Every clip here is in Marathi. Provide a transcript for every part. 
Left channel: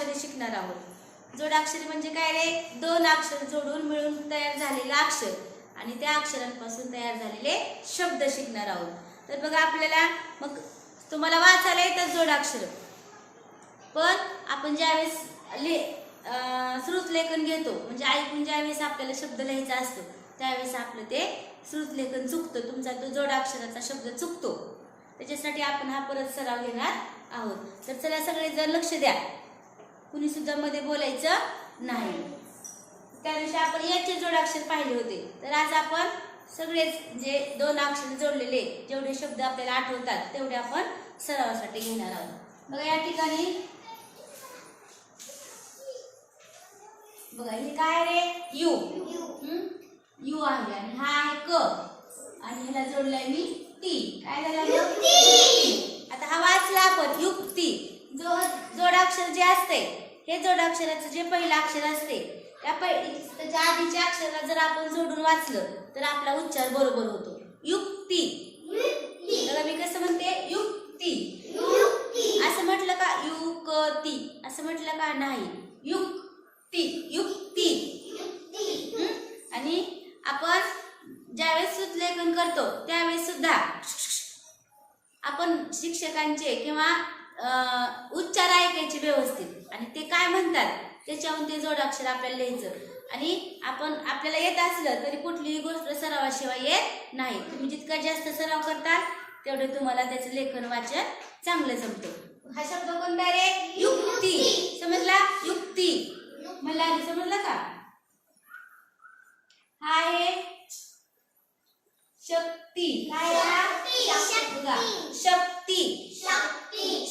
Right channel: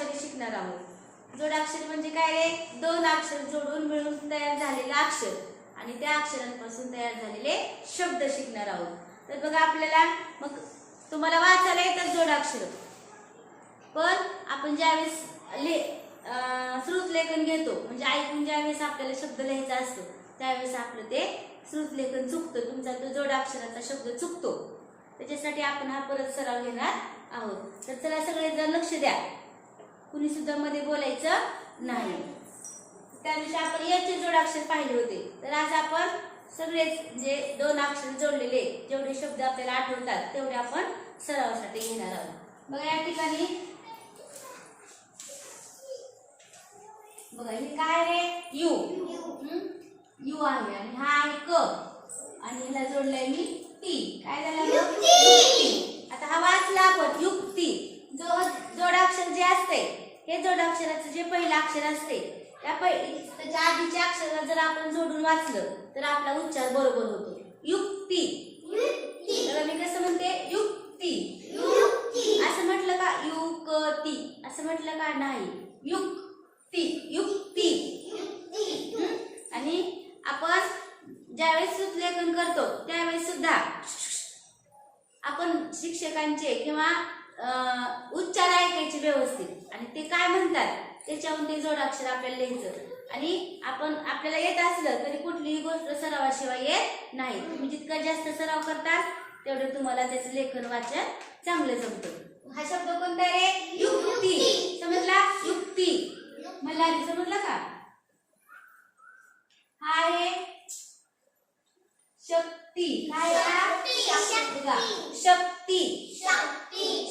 जोडाक्षरे शिकणार आहोत. जोडाक्षर म्हणजे काय रे? दोन अक्षर जोडून मिळून तयार झालेलं अक्षर. आणि त्या अक्षरांपासून तयार झालेले शब्द शिकणार आहोत. तर बघा आपल्याला मग तुम्हाला वाचायला येतात जोडाक्षर पण आपण ज्यावेळेस ले श्रुत श्रुतलेखन घेतो म्हणजे ऐकून ज्यावेळेस आपल्याला शब्द लिहायचा असतो त्यावेळेस आपलं ते श्रुतलेखन चुकतं. तुमचा तो जोडाक्षराचा शब्द चुकतो. त्याच्यासाठी आपण हा परत सराव घेणार आहोत. तर चला सगळेजण लक्ष द्या. कुणी सुद्धा मध्ये बोलायचं नाही. त्या दिवशी आपण याचे जोडाक्षर पाहिले होते. तर आज आपण सगळेच जे दोन अक्षर जोडलेले जेवढे शब्द आपल्याला आठवतात तेवढे आपण सरावासाठी घेणार आहोत. बघा या ठिकाणी बघा हे काय रे यू? यू आहे आणि हा आहे क. आणि ह्याला जोडलाय मी टी. काय झालं. आता हा वाचला आपण युक्ती. जो जोडाक्षर जे असते हे जोडाक्षराचं जे पहिलं अक्षर असते त्या त्याच्या आधीच्या अक्षराला जर आपण जोडून वाचलं तर आपला उच्चार बरोबर होतो. युक्ती. मी कसं म्हणते? युक्ती. असं म्हटलं का? युक्ती. असं म्हटलं का? नाही. युक्ती. युक्ती? आणि आपण ज्यावेळेस सुतलेखन करतो त्यावेळेस सुद्धा आपण शिक्षकांचे किंवा उच्चार ऐकायचे व्यवस्थित. आणि ते काय म्हणतात त्याच्याहून ते जोडाक्षर आपल्याला लिहायचं. आणि आपण आपल्याला येत असलं तरी कुठलीही गोष्ट सरावाशिवाय येत नाही. तुम्ही जितका जास्त सराव करताल तेवढं तुम्हाला त्याचं लेखन वाचन चांगलं जमतं. हा शब्द कोणता रे? युक्ती. समजला? युक्ती. मला समजलं का? हा आहे शक्ती. शक्ती. शक्ती.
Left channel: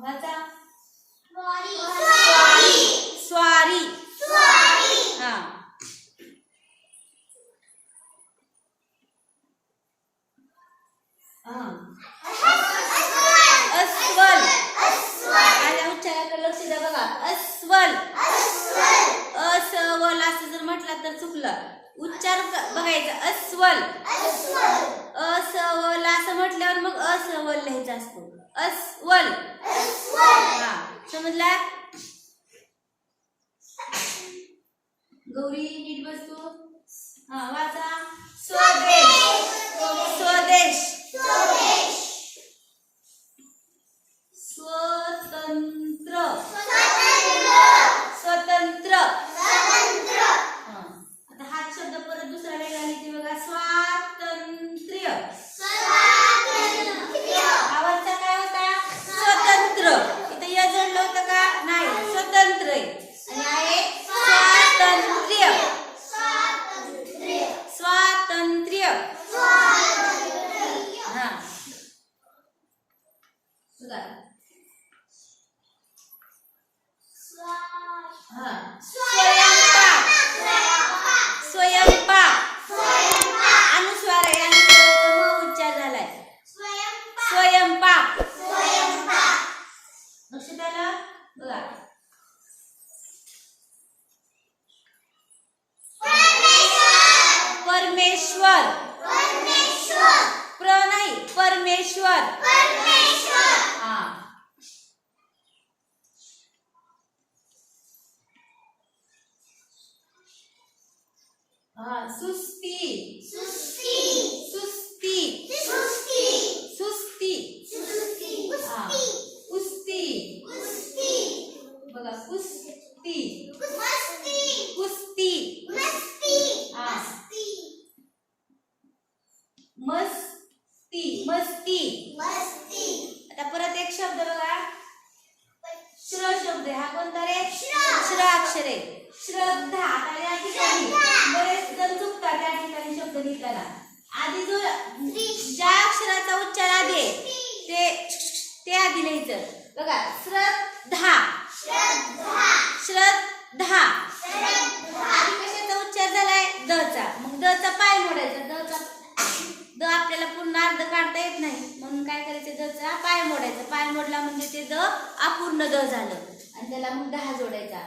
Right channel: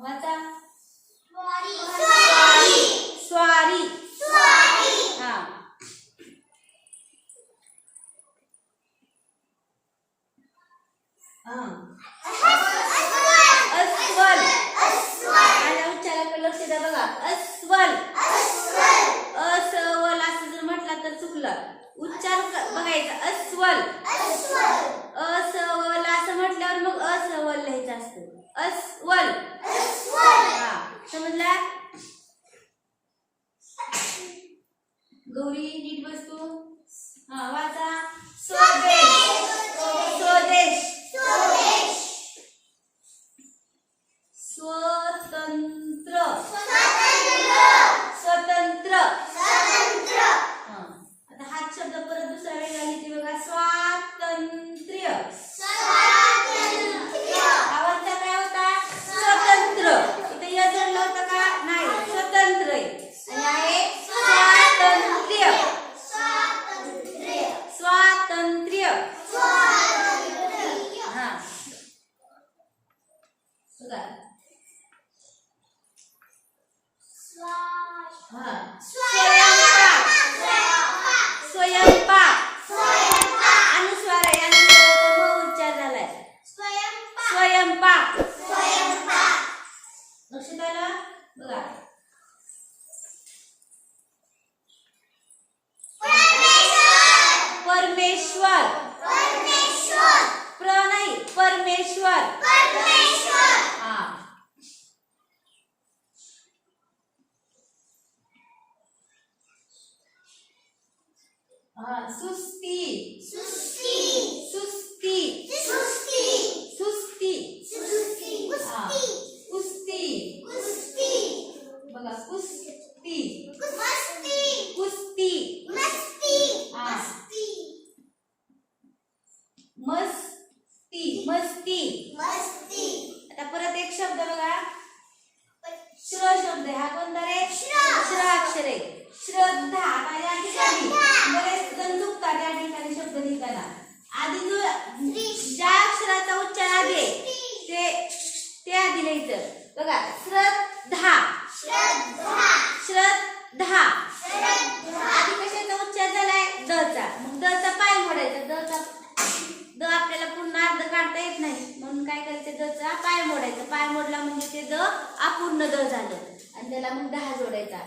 वाचा स्वारी हा हा. अस्वल माझ्या उच्चाराकडे लक्ष द्या बघा अस्वल असवल असं जर म्हटलं तर चुकलं उच्चार क- बघायचा अस्वल असवल असं म्हटल्यावर मग असवल लिहायचं असतो अस्वल. हा समजला? गौरी नीट बसतो. हा वाचा. स्वदेश. स्वदेश. स्वतंत्र. स्वतंत्र. हा. आता हाच शब्द परत दुसरा वेगळा लिहिते बघा. स्वातंत्र्य आवाजचा काय होता स्वतंत्र इथं या जोडला होता का नाही स्वतंत्र आहे आणि आहे स्वातंत्र्य स्वातंत्र्य हा बघा हा स्वयंपाक स्वयंपाक अनुस्वार आहे अनुस्वाराचा म उच्चार झालाय स्वयंपाक लक्षात आलं बघा परमेश्वर प्र नाही परमेश्वर हा हा सुस्ती सुस्ती सुस्ती हा कुस्ती बघा कुस्ती कुस्ती हा मस्ती मस्ती आता परत एक शब्द बघा श्र शब्द आहे. हा कोणता रे श्र अक्षर आहे श्रद्धा आता या ठिकाणी बरेच जण चुकतात या ठिकाणी शब्द लिहिताना आधी जो ज्या अक्षराचा आहे, ते ते आधी लिहायचं. बघा श्रद्धा. श्रद्धा. आधी कशाचा उच्चार झालाय? दचा. मग दचा पाय मोडायचा. दचा द आपल्याला पूर्ण अर्ध काढता येत नाही. म्हणून काय करायचं? दचा पाय मोडायचा. पाय मोडला म्हणजे ते द अपूर्ण द झालं. आणि त्याला मग दहा जोडायचा.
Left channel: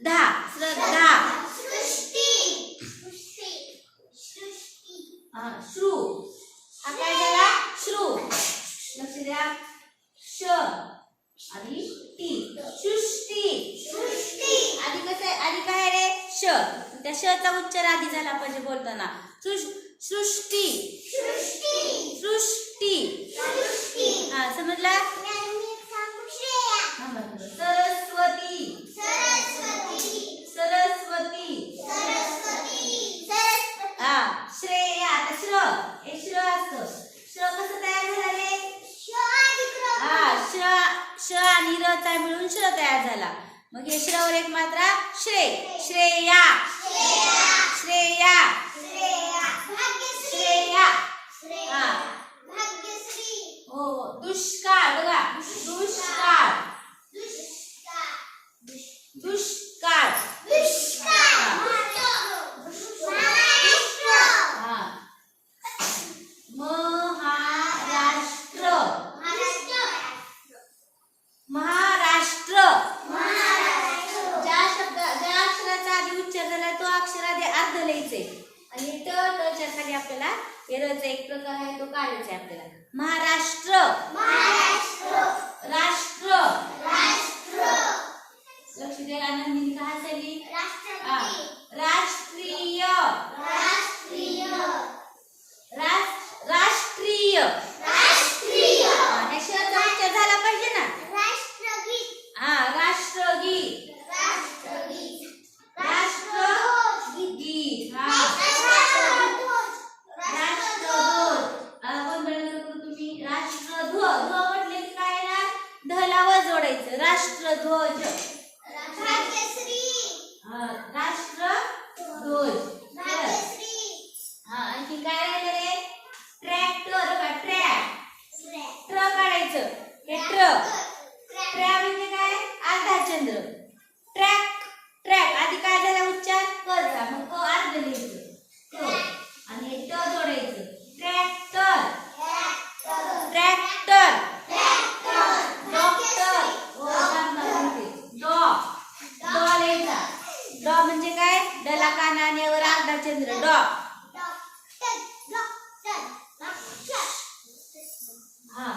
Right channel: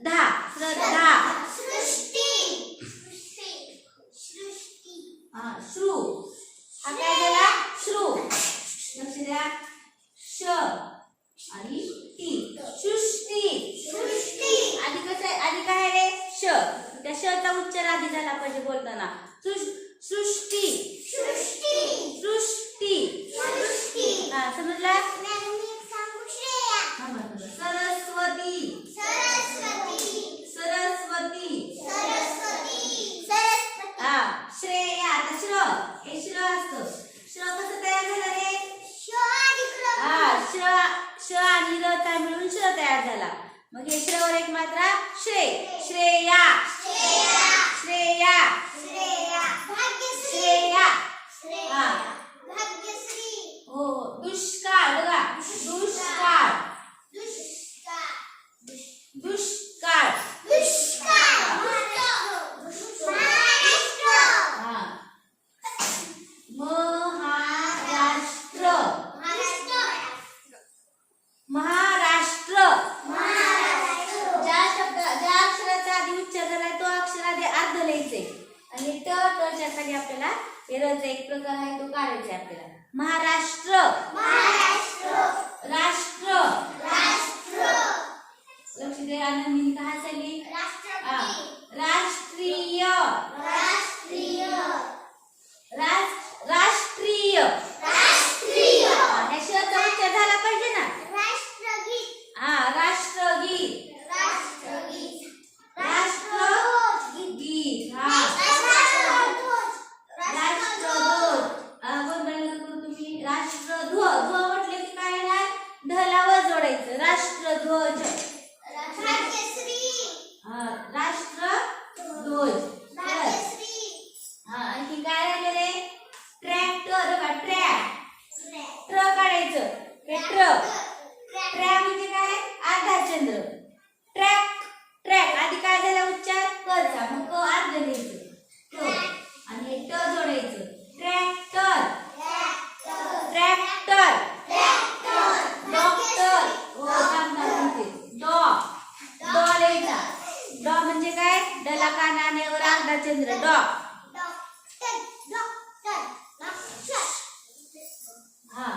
दहा श्रद्धा. हा श्रू. हा काय श्रू. लक्ष द्या. श आणि टी. सृष्टी. आधी कसं आहे? आधी काय रे? श. त्या शचा उच्चार आधी झाला पाहिजे बोलताना. सृ- सृष्टी. सृष्टी. हा समजला? हा, बरं, बरं. सरस्वती. सरस्वती. हा श्रेया. आता श्र हे श्र असतं श्र कसं तयार झालं रे हा श्र श चा मिळून श्र तयार झाला? मग हे श्रवर एक मात्रा श्रे श्रेया. श्रेया. श्रेया. हा. हो हो. दुष्काळ. बघा. दुष्काळ. दुष्काळ. हा महाराष्ट्र महाराष्ट्र ज्या शब्द ज्या अक्षराचा आधी उच्चार झालाय तो अक्षर आधी अर्ध लिहायचे आणि ट टच्या खाली आपल्याला एरचा एक प्रकार आहे तो काढायचा आहे आपल्याला. महाराष्ट्र राष्ट्र लक्ष द्या आनंदीने काय हसायली हा. राष्ट्रीय रास- राष्ट्रीय हा, ह्या शचा उच्चार झाला पाहिजे ना हा राष्ट्रगीत राष्ट्रगीत हा राष्ट्रध्वज हा, गोंधळ नका करू तुम्ही राष्ट्रध्वज ध्व म्हटले की काय येणार ढला व जोडायचं राष्ट्रध्वज हा राष्ट्रध्वज बर. हा आणखी काय राहिलं रे ट्रॅक्टर का ट्रॅक. ट्र काढायचं. हे ट्र ट्रॅ म्हणजे काय? अर्धा चंद्र ट्रॅक. ट्रॅक. आधी काय झाला उच्चार? करचा मग क अर्ध लिहायचं. आणि हे ट जोडायचं. ट्रॅक्टर. ट्रॅक्टर. डॉक्टर. हो थांब म्हणते डॉ. डॉ लिहायचा. डॉ म्हणजे काय? डला कानानेवर अर्धा चंद्र डॉ हा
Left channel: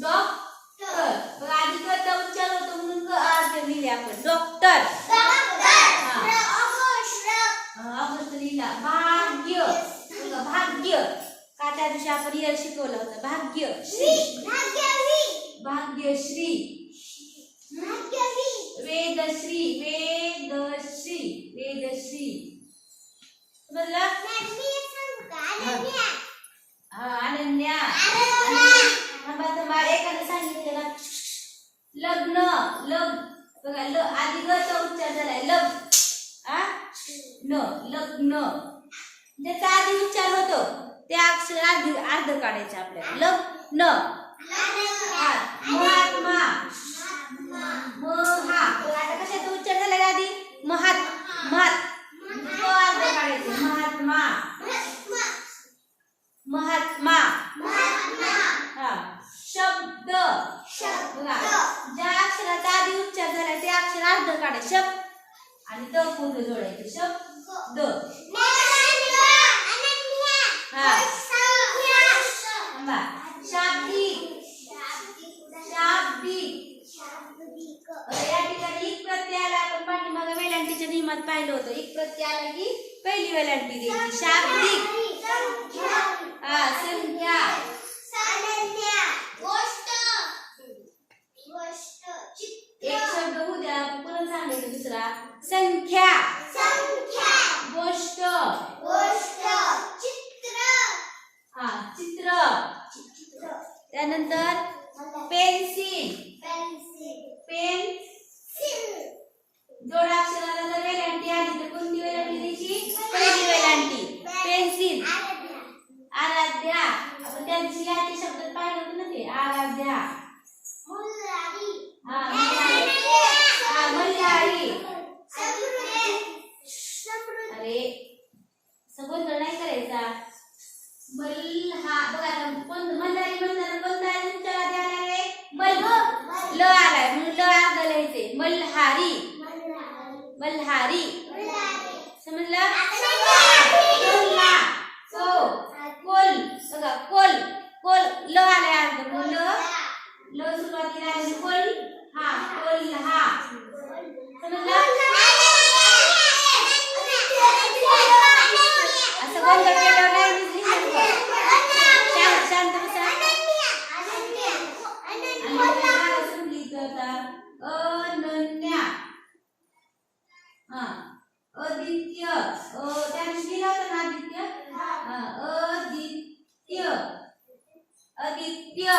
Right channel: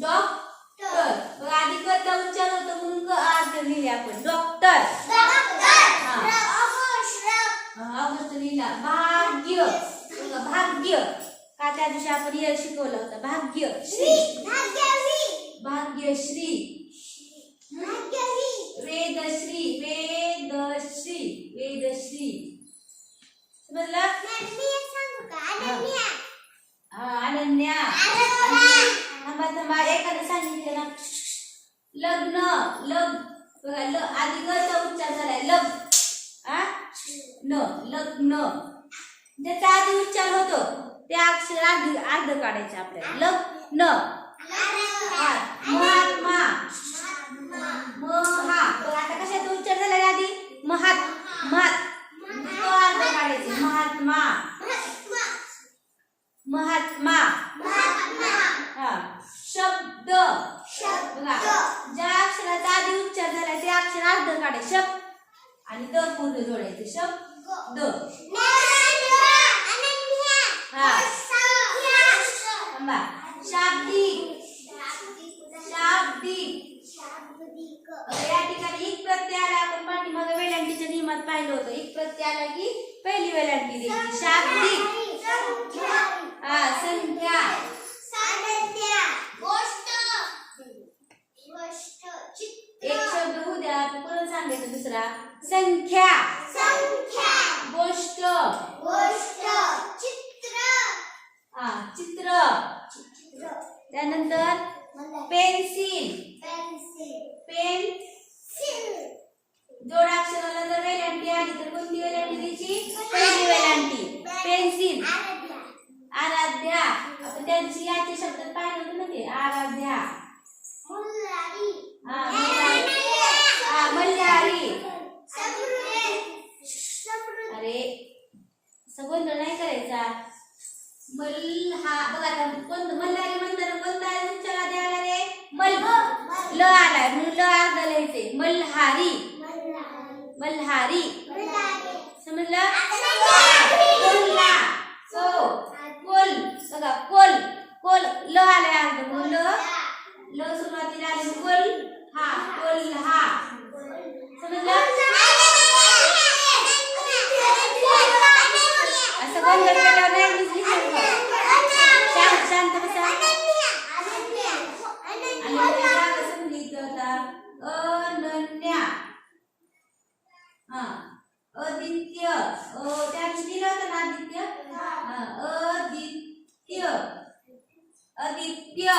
डॉक्टर बघ आधी कचा उच्चार होतो म्हणून क अर्ध लिहिले आपण डॉक्टर अमृत लिहिला भाग्य बघा, भाग्य का त्या दिवशी आपण हे शिकवलं होतं भाग्य श्री भाग्यश्री वेदश्री वेदश्री वेदश्री समजलं हा अनन्या थांबा थांबा एखादं सांगितलं ना लग्न लग बघा ल आधी गचा उच्चार झालाय लग आ? न लग्न. म्हणजे ज्याचा आधी उच्चार होतो. ते अक्षर अर्ध अर्ध काढायचं आपल्याला. लग्न. न महात्मा. महा. आता कशाचा उच्चार झाला आधी? महात महात. अर्ध काढायचे. महात्मा. महात्मा हा शब्द बघा ज्या अक्षराचा आधी आधी उच्चार झालाय ते अक्षर अर्ध काढा शब आणि द पूर्ण जोडायचे शब हा थांबा शाब्दिक शाब्दिक या ठिकाणी एक प्रत्यय आला आपण पाठीमागे वेलांटीच्या नियमात पाहिलं होतं एक प्रत्यय आला की पहिली वेलांटी द्यायची शाब्दिक हा संख्या एक शब्द होऊ द्या सांगायचं दुसरा संख्या. गोष्ट. हा चित्र. त्यानंतर पेन्सिल. पेन जोडाक्षराला जर वेलांटी आली तर कोणती वेलांटी द्यायची? पहिली वेलांटी. पेन्सिल. आराध्या. आपण त्यांची याचे शब्द पाहिलं होतं ना ते आराध्या हा मल्हारी. हा मल्हारी अरे सगोंधळ नाही करायचा. मल्हा बघा आता कोण मल्हारी म्हणताना कोणता आहे तुमच्या मध्ये आला रे मल ल आलाय म्हणून ल लिहायचे मल्हारी. मल्हारी. समजलं कोल्हा को कोल बघा कोल कोल ल आलाय अर्ध म्हणून ल ल सुरुवातीला आले कोल हा कोल हा समजलं असं गोंधळ केल्यावर नाही दिसली शांत शांत बसा आणि पहिला असं लिहित होता अनन्या हा अदित्य अ त्याने दिला होता ना आदित्य हा अदित्य अदित्य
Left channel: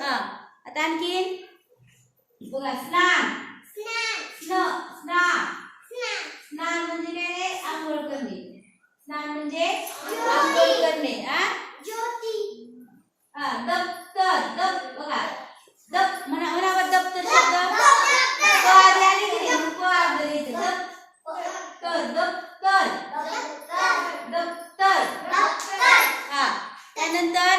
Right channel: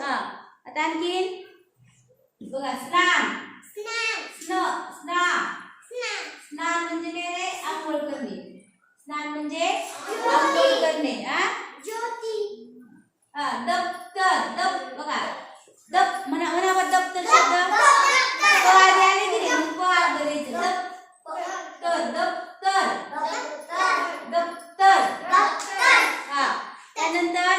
हा आता आणखीन बघा स्नान स्न स्नान स्नान म्हणजे आंघोळ करणे स्नान म्हणजे आंघोळ करणे हा दप्तर दप बघा दप म्हणा म्हणा दप्तर शब्द आले की. दप्तर दप्तर दप्तर हा त्यानंतर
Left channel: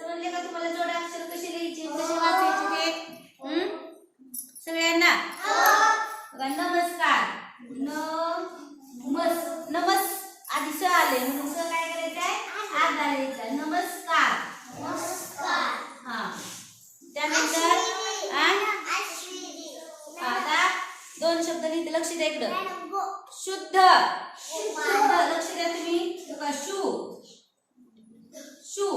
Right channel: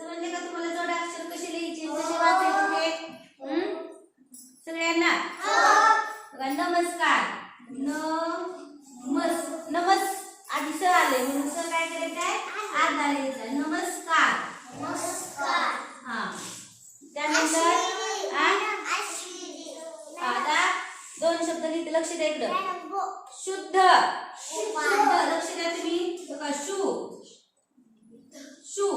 समजले का तुम्हाला? जोडा अक्षर कसे लिहायचे? कसे वाचायचे ते? हं? सगळ्यांना? बघा नमस्कार. नमस नमस आधी स आले म्हणून स काय करायचं आहे? आधा लिहायचा नमस्कार. हा. त्यानंतर? आता दोन शब्द लिहिते. लक्ष द्या इकडं. शुद्ध. शुद्ध. लक्ष द्या तुम्ही. बघा शू. शू.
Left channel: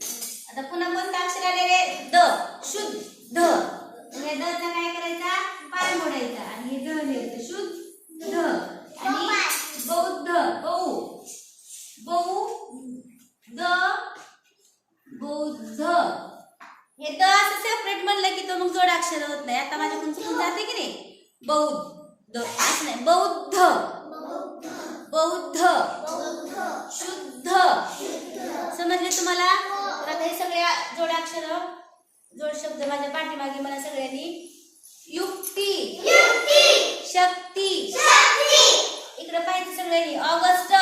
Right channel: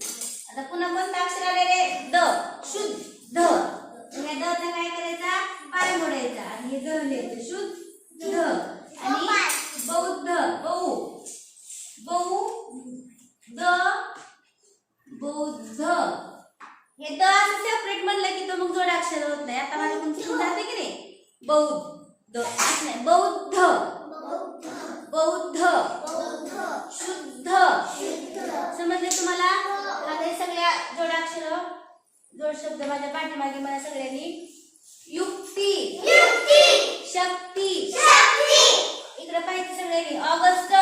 आता पुन्हा कोणतं अक्षर आले रे? द. शुद्ध. म्हणजे द चा काय करायचा? पाय मोडायचा. आणि हे द लिहायचं. शुद्ध. आणि बौद्ध बौ बौ द बौद्ध हे द असं सेपरेट म्हणलं की तो मग जोडाक्षर होत नाही. आता माझ्याकडून चुकून जाते की नाही? बौद्ध असं नाही. बौद्ध बौद्ध शुद्ध समजले तुम्हाला आता हे सगळ्या जोडाक्षर जोड शब्द माझ्या पाठीमागे मला सगळ्यांनी युक्ती. शक्ती. इकडे पाहिजे सगळ्यांनी. ऑगस्ट.